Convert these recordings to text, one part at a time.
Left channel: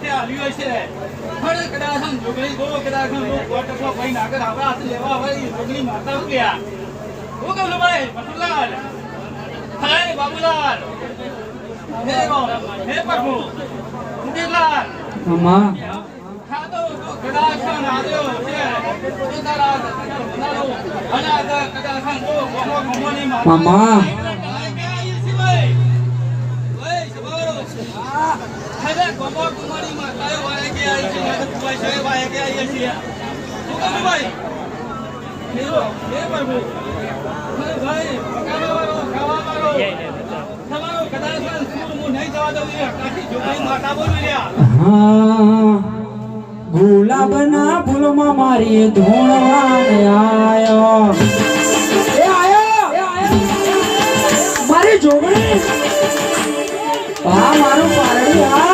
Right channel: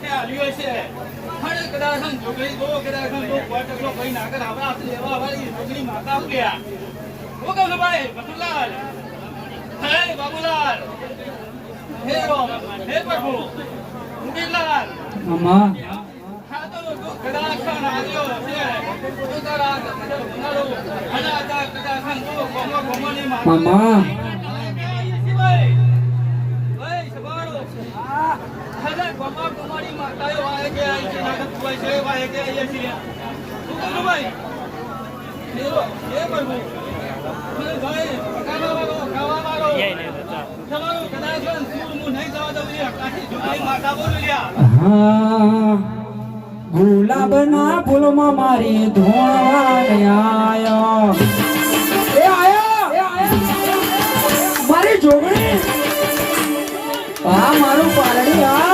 હાથે આલ્યો છે પણ કદાચ જોગણી ગો કદાચ કોટકો ભાઈ નાગર આવા લેવા વાળી જોગણી માતા ઉલ્યા હું કહું ભાઈ મથુરલાલ હે બાબુલાલ હે રો હે પ્રભુ ઉંડીલાલ મામા હા તો કદાચ આવ્યો છે ઉતારા બનારો અને આ કદાચ ગો ગોમોની મામા બાબા કુમારી માતાએ વાય કે આવી છે નાટક છે વાય કે આવી છે શું કહું ભાઈ એ પ્રભુ મને ભાઈ ખાવા મારો તમારો કદાચ હું નહીં જવા દઉં કાશી જોગણી માતા બોલ મળ્યા ગુલાબના ફૂલમાં મારી ધૂણવાને આયો એ આયો મારી જોગણી આ મારું પારડી આ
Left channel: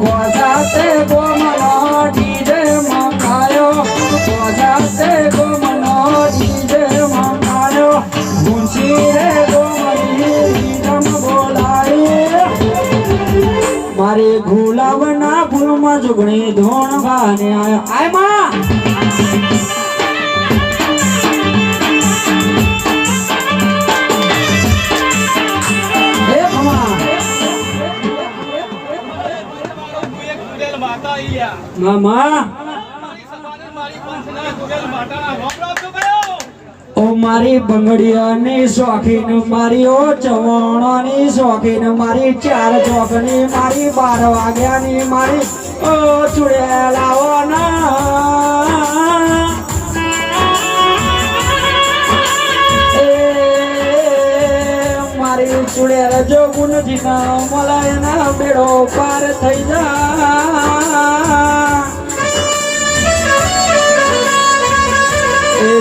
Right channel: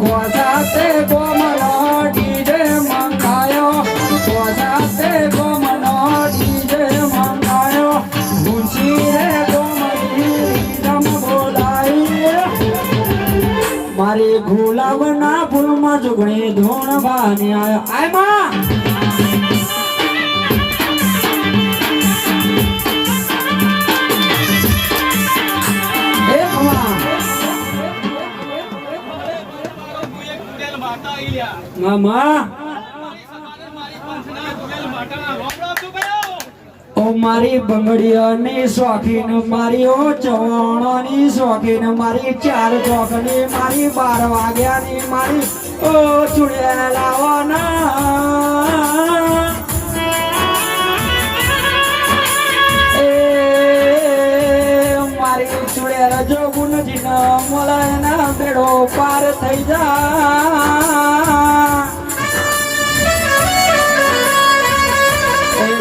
ગોસાતે ગોમનો ડીજે મંગાયો ગોસાતે ગોમનો ડીજે મંગાયો ગુંસી રે ગોમની રીતમ બોલાય મારી ગુલાબના ફૂલમાં જુગણી ધોણવાને આયો આય માં મામા ઓ મારી બંગડીઓની શોખીન મારી ઓ ચવાણાની શોખીન મારી 4 ચોકની મારી 12 વાગ્યાની મારી ઓ ચુડેલાઓના મારી ચુડેલ જોગુનજીનો મલાયના બેડો પાર થઈ જા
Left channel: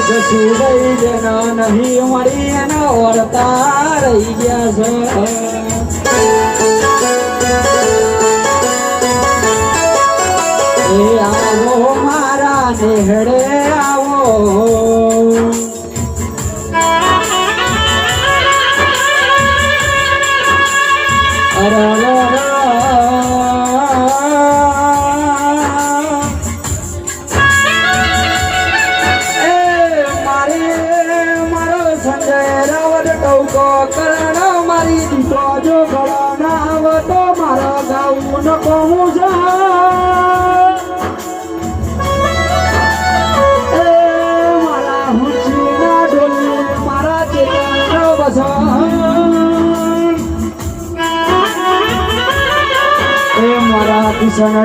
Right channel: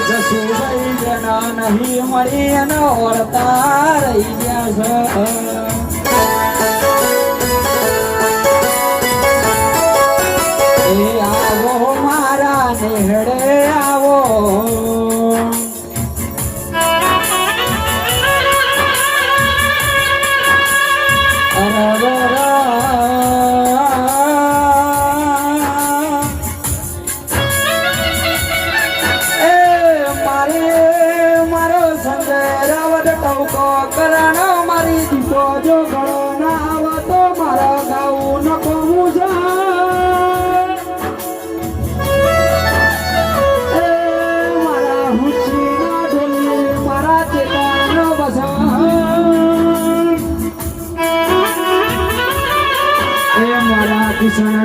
જસુભાઈ જેના નહીં મળી એના ઓળતા રહી ગયા છે એ આવો મારા નેહડે આવો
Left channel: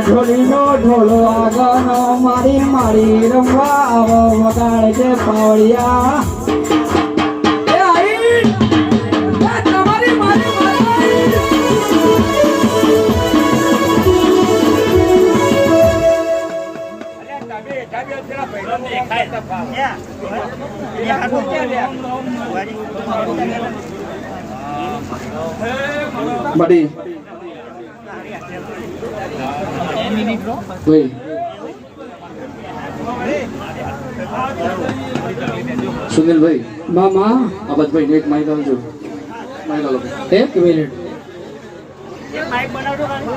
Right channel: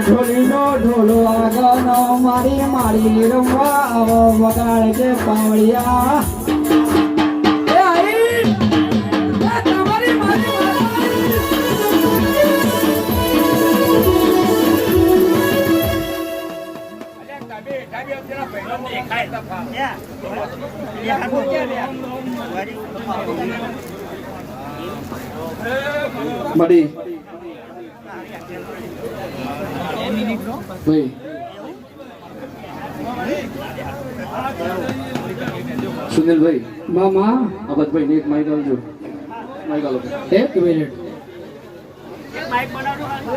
ઢોલીનો ઢોલો આગનો મારી મારી રમવા આવો વગાડ છે પાવડિયા એ આઈ તમારી મારી બડી ભાઈ સુનિલભાઈ મામા અબતભાઈ એક માઇક આવજો માઇક આલો 1 મિનિટ માઇક બનાવજો માઇક